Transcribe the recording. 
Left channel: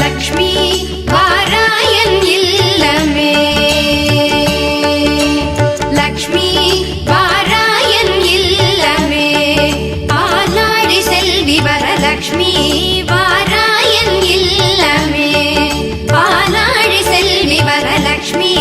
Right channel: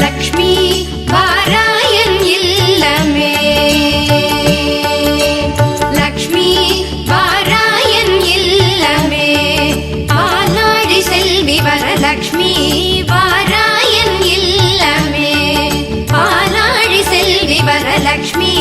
Lakshmi வாராயன் இல்லமே. Lakshmi வாராயன் இல்லமே. ஆலாழி Selvi Varalakshmi வாராயன் இல்லமே. ஆலாழி Selvi Varalakshmi